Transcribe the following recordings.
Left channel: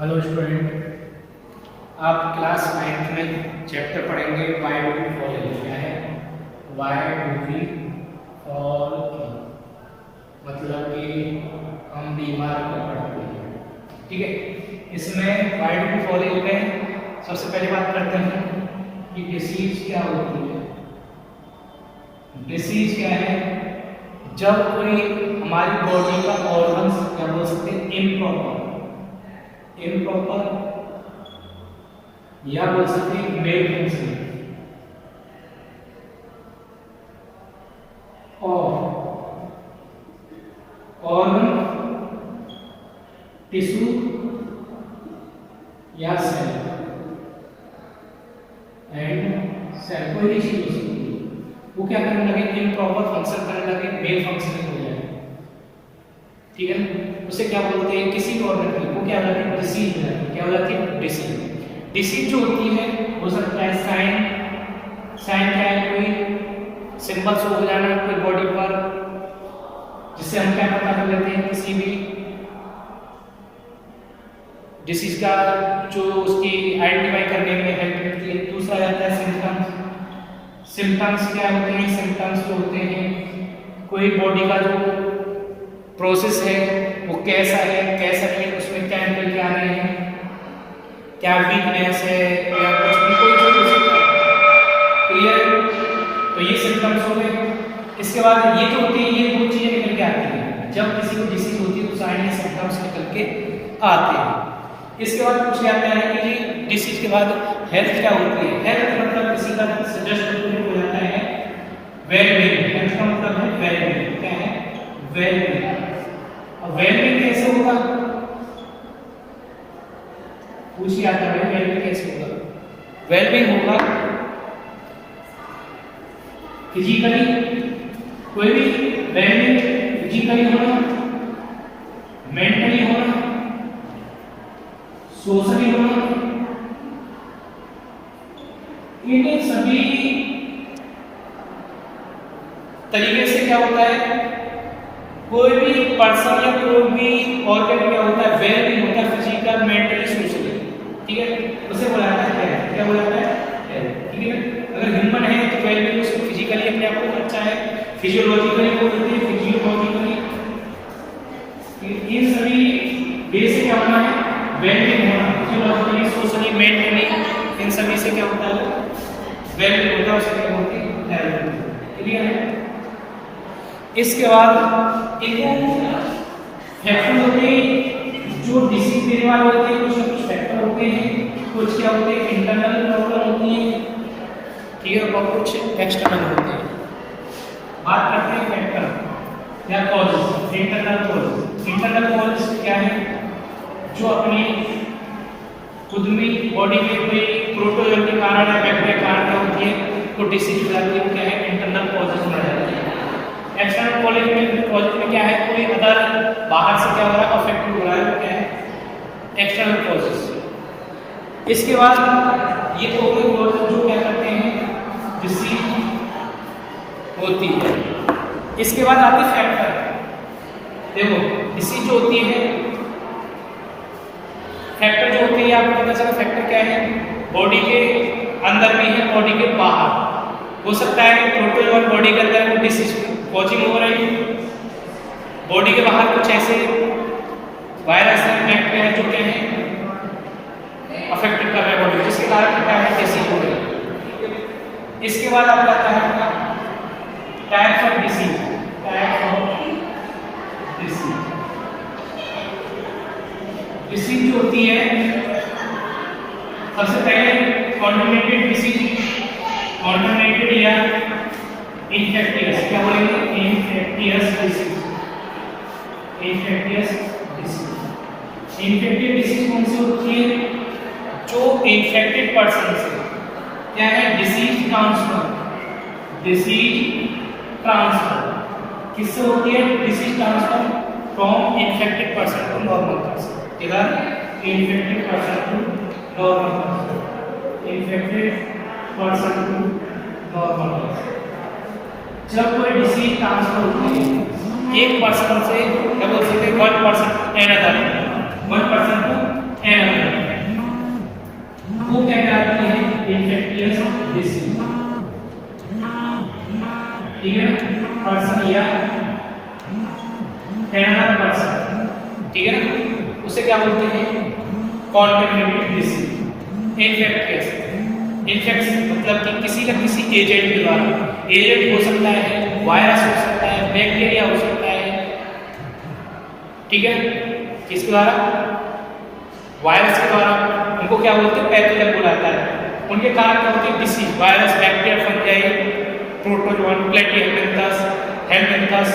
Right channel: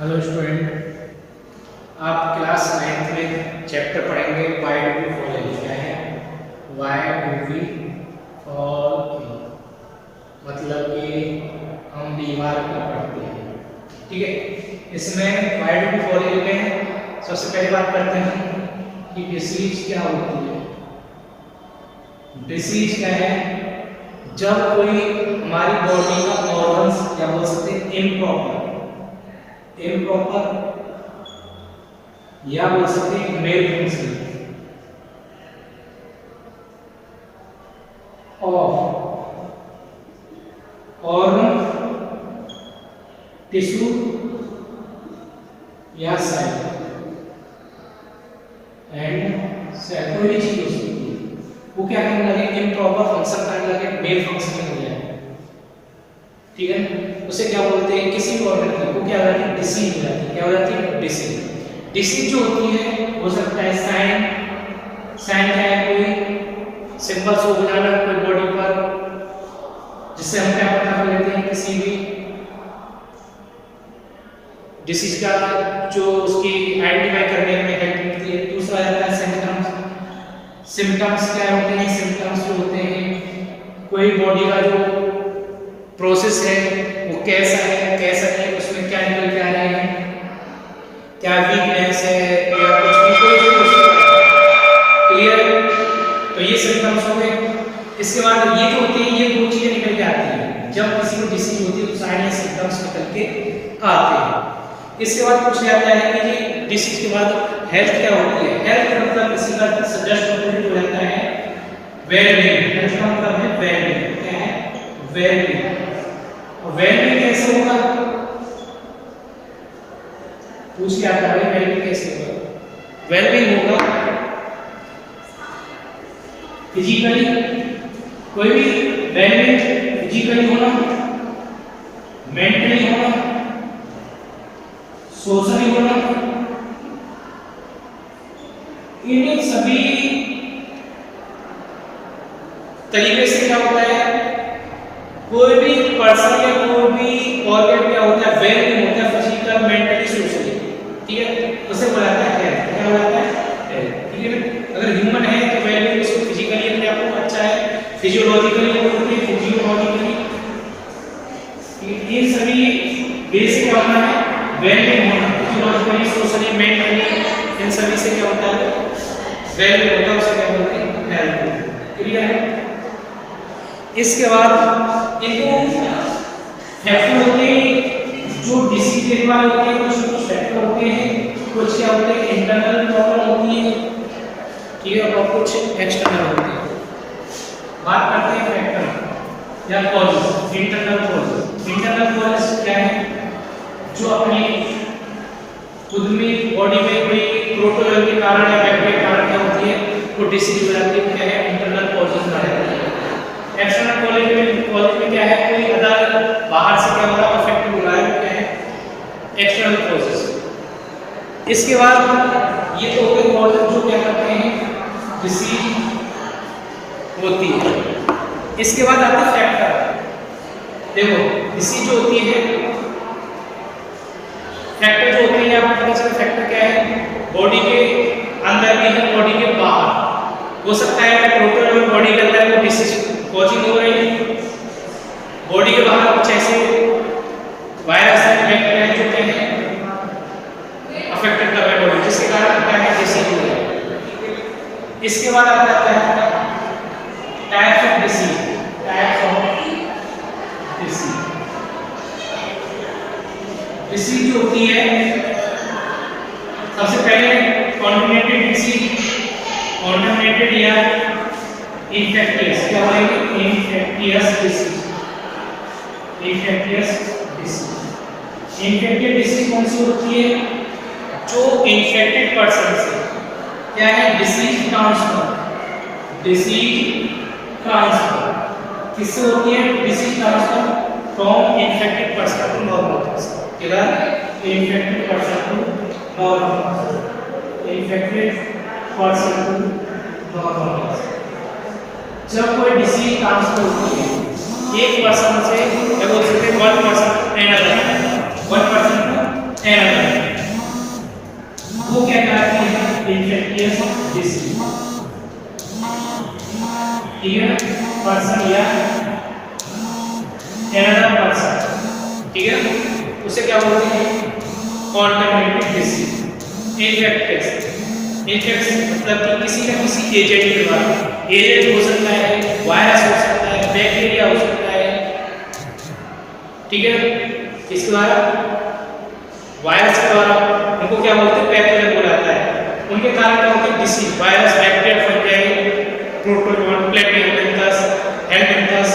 Hello student, आप class 9th में chapter पढ़ेंगे why do we fall in. क्या है why do we fall in? मतलब कि हम बीमार क्यों पड़ते हैं। ठीक है, इसमें why do we fall in में सबसे पहले बात करते हैं कि डिसीज क्या होती है। डिसीज क्या है? जब कोई हमारी बॉडी का ऑर्गन्स क्या बोल सकते हैं इम्प्रॉपर या बोल सकते हैं मेल फंक्शन ऑर्गन, टिश्यू या सेल कोई भी चीज हो सकती है, वो क्या करने लगे इम्प्रॉपर फंक्शन करने लगे, मेल फंक्शन हो जाए। ठीक है ना, उसे क्या बोलते हैं किसी भी ऑर्गन की, वो क्या हो जाती है डिसीज हो जाती है। क्या हो जाती है डिसीज। डिसीज जो होती है हो सकता है साइन क्या है, कोई सिंबल शो हो जाना कोई बॉडी पर, जिससे हम क्या पता कर लेते हैं किसी भी डिसीज का, जो उसकी आइडेंटिफाई करने में हेल्प मिलती है। दूसरा रहता है सिम्टम्स। सिम्टम्स क्या होते हैं? सिम्टम्स जो होते हैं कोई बॉडी का जो प्रोसेस है वो कैसा है, उसमें क्या निकल के आ रहे हैं, क्या वीकनेस है या कुछ भी, कोई भी हो सकता है। क्लियर? तो ये सिम्टम्स हो गए। इसके बाद ये जो होते हैं ये दो चीजें निकल के आती हैं। जब किसी को डिसीज होती है तो सारे ये सिम्टम्स निकल के आते हैं। इसके बाद पूछ जाता है कि ये डिसीज के बाद हेल्थ क्या होती है। हेल्थ मतलब किसी का जस्ट अपोजिट हो जाता है वेलबींग। हेल्थ का मतलब है वेलबींग। क्या है? वेलबींग। वेलबींग कैसे होगा पूछ लिया था भाई, वेलबींग कैसे होगा? वेलबींग होगा फिजिकली, कोई भी वेलबींग फिजिकली होना, मेंटली होना, सोशली होना। इन सभी तरीके से क्या होता है, कोई भी पर्सन या कोई भी ऑर्गन क्या होता है वेल होता है फिजिकल, मेंटली, सोशली। ठीक है, उसे बोला जाता है हेल्थ। क्या बोला जाता है हेल्थ। ठीक है ना, अगर ह्यूमन है तो वेल उसको फिजिकली अपने आप को अच्छा है, फिजियोलॉजिकली बोलते हैं फिजियोलॉजिकली। इन सभी वे से क्या होना है वेल होना, फिजियोलॉजिकली, सोशली, मेंटली, इन सभी से क्या होता है वेल होता है, उसे क्या बोलते हैं हेल्थ। क्लियर है? इसके बाद एक फैक्टर होते हैं जो डिसीज देने वाले होते हैं, कुछ फैक्टर होते हैं, कुछ क्या होते हैं इंटरनल प्रॉब्लम होती है। ठीक है, और कुछ एक्सटर्नल होते हैं। बात करते हैं फैक्टर या कॉजेस। इंटरनल कॉजेस क्या है? जो अपने खुद में बॉडी में कोई प्रोटोजोन के कारण या बैक्टीरिया के कारण क्या होती है वो डिसीज हो जाती है। क्या है? इंटरनल कॉजेस आ जाती है। एक्सटर्नल कॉजेज में क्या है, कोई अदर बाहर से क्या हो रहा है अफेक्ट हो रहा है, क्या है एक्सटर्नल कॉजेज। इसके बाद ये तो हो गए कॉजेज जो क्या करते हैं डिसीज होती है। इसके बाद आते हैं फैक्टर। देखो डिसीज जो होती है, फैक्टर जो होते हैं यहाँ पर पता चला फैक्टर क्या है, बॉडी के अंदर भी है बॉडी के बाहर हो सकता है प्रोटोन और बॉडी के अंदर वो डिसीज कॉजिंग हो रही, बॉडी के बाहर कुछ ऐसे वायरस है बैक्टीरिया है जो क्या है अफेक्टेड कर रहा है बॉडी, जिसके कारण क्या है डिसीज हो रहा है। इसके बाद आ जाता है टाइप्स ऑफ डिसीज। डिसीज जो होती है सबसे पहले कॉन्टामिनेटेड डिसीज, कॉन्टामिनेटेड या इन्फेक्टियस। क्या बोलेंगे? Infectious disease. इन्फेक्टिव डिसीज कौन सी होती है? जो इन्फेक्टेड पर्सन से क्या है डिसीज ट्रांसफर किससे होती है? Disease transfer from infected person to normal person. किधर? Infected person to normal person. Infected person to normal person. जब कोई डिसीज ट्रांसफर होती है एक पर्सन से, जब one person to another infectious disease, ठीक है, पर्सन या another person, ठीक है, उसे क्या बोलते हैं कॉन्टैमिनेटेड डिसीज। इन्फेक्टियस मतलब कि किसी न किसी एजेंट के द्वारा, एजेंट हो सकता है, वायरस हो सकता है, बैक्टीरिया हो सकता है, ठीक है, किसके द्वारा, वायरस के द्वारा, उनको क्या बोलते हैं पैथोजन बोला जाता है। उनके कारण क्या होती है disease, virus, bacteria, fungi, protozoa, प्लेटियम, हेल्मिंथस,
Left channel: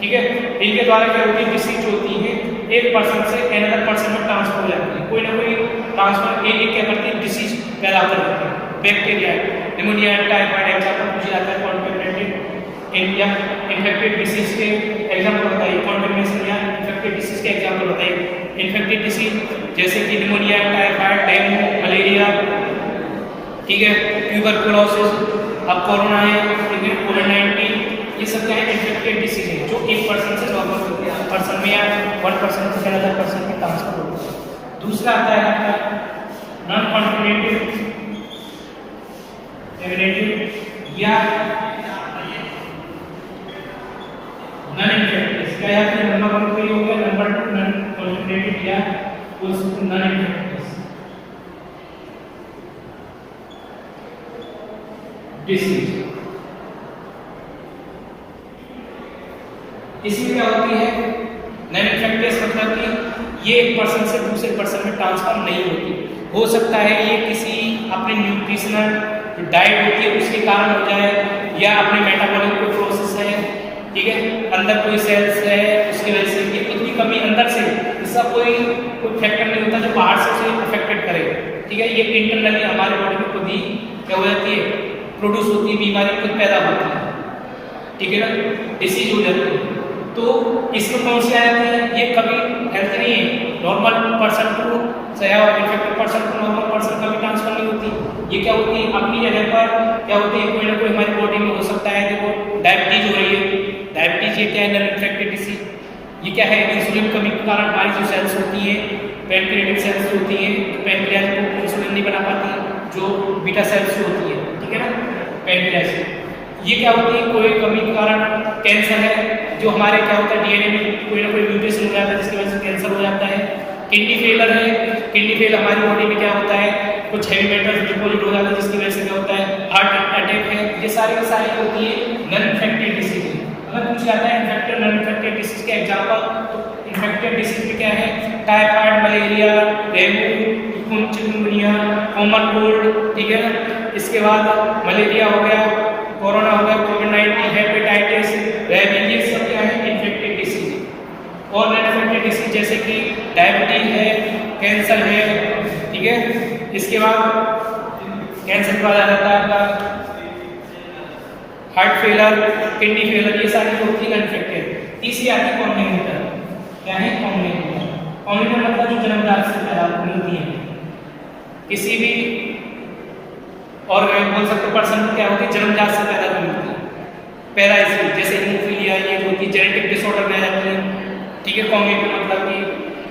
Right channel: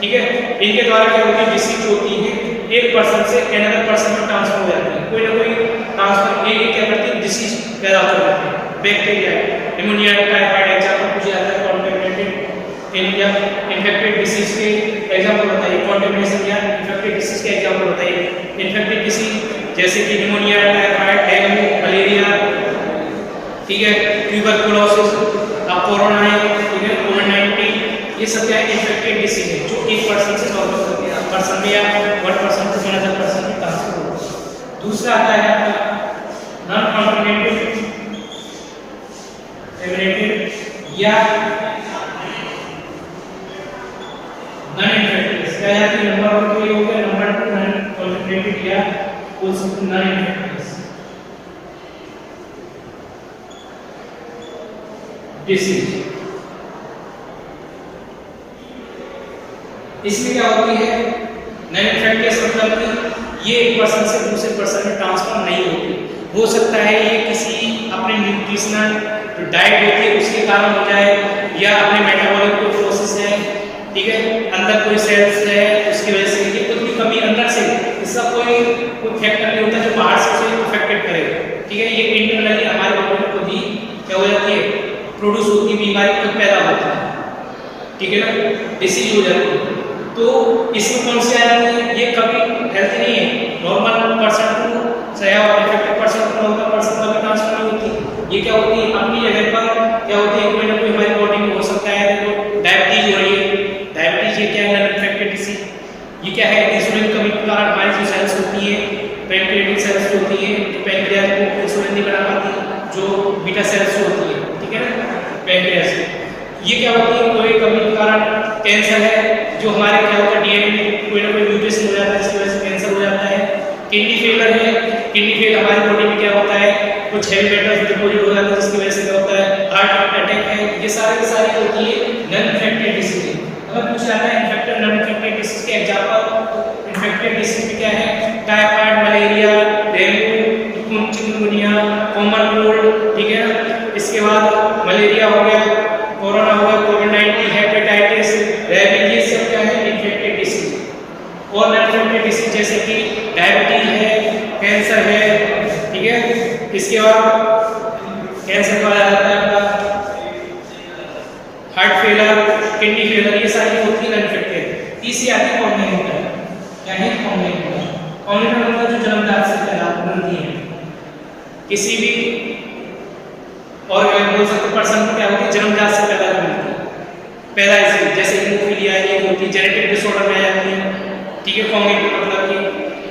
ठीक है, इनके द्वारा क्या होती है डिसीज होती है एक पर्सन से अनदर पर्सन में ट्रांसफर हो जाती है, कोई ना कोई ट्रांसफर ये क्या करती है डिसीज पैदा हो जाती है। बैक्टीरिया, निमोनिया, टाइफाइड एग्जांपल पूछे जाता है, कॉन्टैमिनेटेड इंडिया इन्फेक्टेड डिसीज के एग्जांपल होता है, कॉन्टैमिनेशन या इन्फेक्टेड डिसीज के एग्जांपल होता है। इन्फेक्टेड डिसीज जैसे कि निमोनिया, टाइफाइड, डेंगू, मलेरिया, ठीक है, ट्यूबरकुलोसिस, अब कोरोना है, ठीक है, कोविड-19, ये सब क्या है इन्फेक्टेड डिसीज है जो एक पर्सन से नॉर्मल पर्सन में या वन पर्सन से अनदर पर्सन में ट्रांसफर होता है। दूसरा आता है आपका नॉन कॉन्टैमिनेटेड या नॉन इन्फेक्टियस, क्या याद है नंबर 1 तो ये हो गया, नंबर 2 नॉन कॉन्टैमिनेटेड या नॉन इन्फेक्टियस डिसीज। इसमें क्या होती है नॉन इन्फेक्टियस मतलब कि ये एक पर्सन से दूसरे पर्सन में ट्रांसफर नहीं होती, हो सकता है ये किसी अपने न्यूट्रिशनल डाइट होती है उसके कारण हो जाए, या अपने मेटाबॉलिक कोई प्रोसेस है, ठीक है, अंदर कोई सेल्स है उसकी वजह से ये कुछ भी कमी अंदर से, इसका कोई फैक्टर नहीं होता जो बाहर से उसे अफेक्टेड करे, ठीक है, ये इंटरनली हमारे बॉडी में खुद ही क्या हो जाती है प्रोड्यूस होती है, बीमारी खुद पैदा होती है, ठीक है ना, डिसीज हो जाती है। तो इसमें कौन सी आ जाती है, ये कभी हेल्थी नहीं है, नॉर्मल पर्सन टू या infected person to normal person कभी ट्रांसफर नहीं होती, ये क्या होती है अपनी जगह पर क्या होती है कोई ना कोई हमारी बॉडी में हो सकता है, देखो डायबिटीज हो रही है, डायबिटीज ये क्या है नॉन इन्फेक्टेड डिसीज, ये क्या है इंसुलिन कमी के कारण हमारी जो सेल्स होती है पैनक्रियाटिक सेल्स होती है, पैनक्रियाज को इंसुलिन नहीं बना पाती जो बीटा सेल्स होती है, ठीक है ना, पैनक्रियाज ये क्या होती है कोई कमी के कारण कैंसर है जो हमारे क्या होता है डीएनए में कोई ना कोई म्यूटेशन हो जाता है जिसकी वजह से कैंसर हो जाता है। किडनी फेलर है, किडनी फेल हमारी बॉडी में क्या होता है कुछ हेवी मेटल्स डिपॉजिट हो जाता है जिसकी वजह से क्या होता है हार्ट अटैक है, ये सारी होती है नॉन इन्फेक्टेड डिसीज। अगर पूछा जाता है इन्फेक्टेड नॉन इन्फेक्टेड डिसीज के एग्जांपल, तो इन्फेक्टेड डिसीज में क्या है typhoid, malaria, dengue, chikungunya, common cold, ठीक है ना, इसके बाद मलेरिया हो गया, कोरोना हो गया, कोविड-19, हेपेटाइटिस, रेबीज, ये सब क्या है इन्फेक्टेड डिसीज। और नॉन इन्फेक्टेड डिसीज जैसे कि डायबिटीज है, कैंसर है, ठीक है, इसके बाद कैंसर का आता है आपका हार्ट फेलर, किडनी फेलर, ये सारी होती है नॉन इन्फेक्टेड। तीसरी आती है कॉम्बिनेटर, क्या है कॉम्बिनेटर, कॉम्बिनेटर मतलब जो जन्मजात से पैदा होती है किसी भी और बोल सकते पर्सन को क्या होती है जन्मजात से पैदा होती है, पहला इसी जैसे हीमोफीलिया ये होती है जेनेटिक डिसऑर्डर में आती है, ठीक है, कॉम्बिनेटर मतलब कि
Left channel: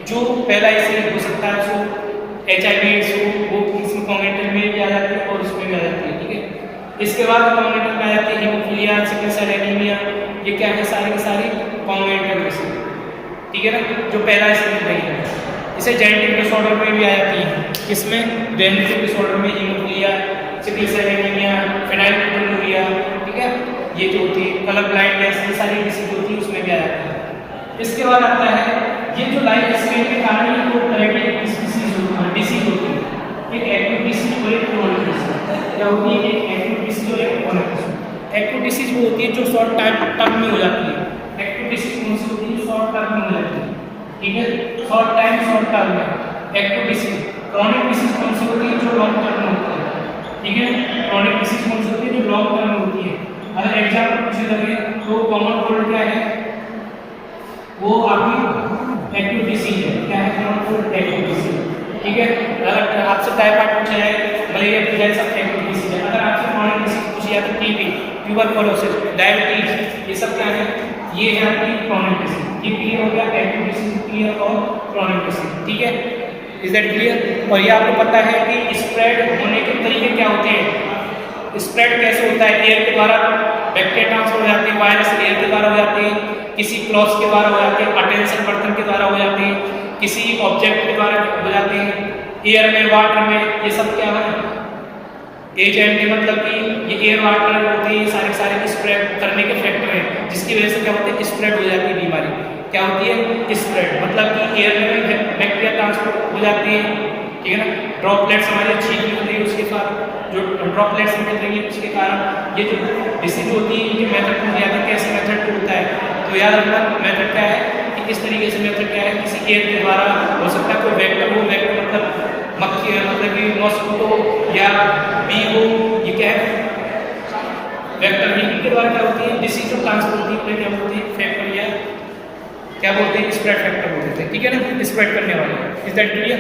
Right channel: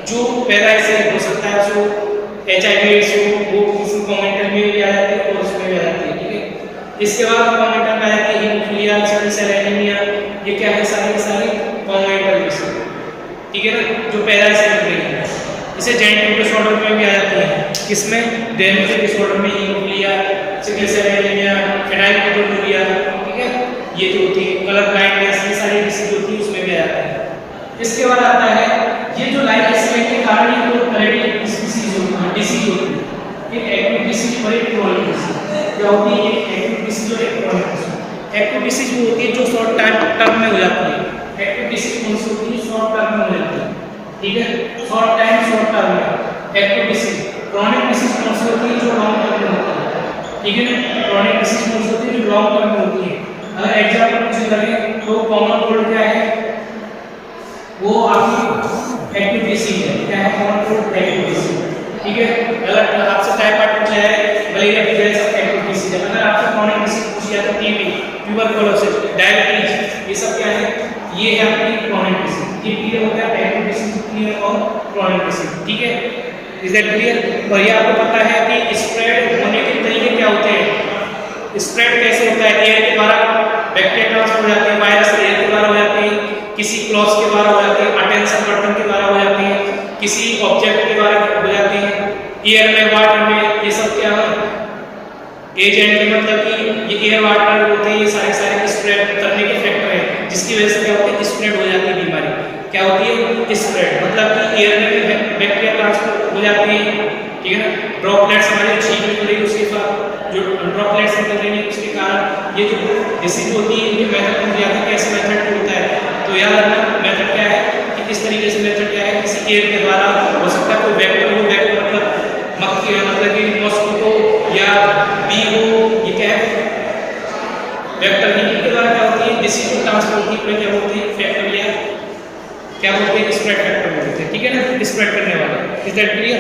जो पहला इसी हो सकता है उसको HIV एड्स हो वो किसी कॉम्बिनेटर में भी आ जाती है और उसमें भी आ जाती है, ठीक है। इसके बाद कॉम्बिनेटर में आती है हीमोफीलिया, सिकल सेल एनीमिया, ये क्या है सारी कॉम्बिनेटर डिसीज, ठीक है ना, जो पहला इसी में है। इसे जेनेटिक डिसऑर्डर में भी आ जाती है, इसमें जेनेटिक डिसऑर्डर में हीमोफीलिया, सिकल सेल एनीमिया, फेनाइलकेटोनुरिया, ठीक है, ये जो होती है कलर ब्लाइंडनेस, ये सारी डिसीज होती है उसमें भी आ जाता है। इसके बाद आता है ये जो लाइफ स्टाइल के कारण ही वो तरह की डिसीज होती है, एक एक्यूट डिसीज और एक क्रोनिक डिसीज। क्या होती है एक एक्यूट डिसीज और एक क्रोनिक डिसीज। एक्यूट डिसीज वो होती है जो शॉर्ट टर्म में हो जाती है, एक्यूट डिसीज कौन सी होती है शॉर्ट टर्म में हो जाती है, ठीक है, शॉर्ट टर्म में एक्यूट डिसीज। क्रोनिक डिसीज कौन सी होती है जो लॉन्ग टर्म में होती है, ठीक है ना, क्रोनिक डिसीज कौन सी होती है जो लॉन्ग टर्म में होती है। अगर एग्जांपल पूछे लगे तो कॉमन कोल्ड क्या है वो आपकी एक्यूट डिसीज है, क्या है कॉमन कोल्ड एक्यूट डिसीज, ठीक है। अगर आपसे टाइफाइड पूछा है, मलेरिया भी है, सब एक्यूट डिसीज है। अगर आपसे क्रोनिक डिसीज पूछी है तो टीबी, ट्यूबरकुलोसिस, डायबिटीज, ये सब क्या है ये है आपकी क्रोनिक डिसीज। ये क्लियर हो गया एक्यूट डिसीज क्लियर और क्रोनिक डिसीज, ठीक है। Is that clear? और ये आपको पता है कि स्प्रेड होने के तरीके क्या होते हैं, स्प्रेड कैसे होता है, एयर के द्वारा बैक्टीरिया ट्रांसफर हो जाते हैं, वायरस एयर के द्वारा हो जाते हैं, किसी क्रॉस के द्वारा हो जाते हैं, अटेंशन बर्तन के द्वारा हो जाते हैं, किसी ऑब्जेक्ट के द्वारा हो जाते हैं, एयर में, वाटर में, ये सब क्या है एजेंट के, मतलब कि ये एयर वाटर होते हैं, ये सारे स्प्रेड करने के फैक्टर है, जिसकी वजह से क्या होता है स्प्रेड हो जाती है बीमारी। क्या होती है स्प्रेड, मतलब कि एयर में भी बैक्टीरिया ट्रांसफर हो जाती है, ठीक है ना, ड्रॉपलेट्स हमारे छींक निकल रही है उसके साथ जो ड्रॉपलेट्स निकल रही है उसके कारण ये जो डिसीज होती है ये मेथड में जाता है, कैसे मेथड होता है, तो याद रखना मेथड क्या है कि किस तरीके से मेथड क्या है, किसी एयर के द्वारा हो सकता है, कोई वेक्टर हो, वेक्टर मतलब मक्खी है, मतलब कि मॉस्किटो या बी हो, ये क्या है वेक्टर, इनके द्वारा क्या होती है डिसीज को ट्रांसफर होती है, क्या होती है फैक्टर या क्या बोलते हैं स्प्रेड फैक्टर बोलते हैं, ठीक है ना, स्प्रेड करने वाला। Is that clear?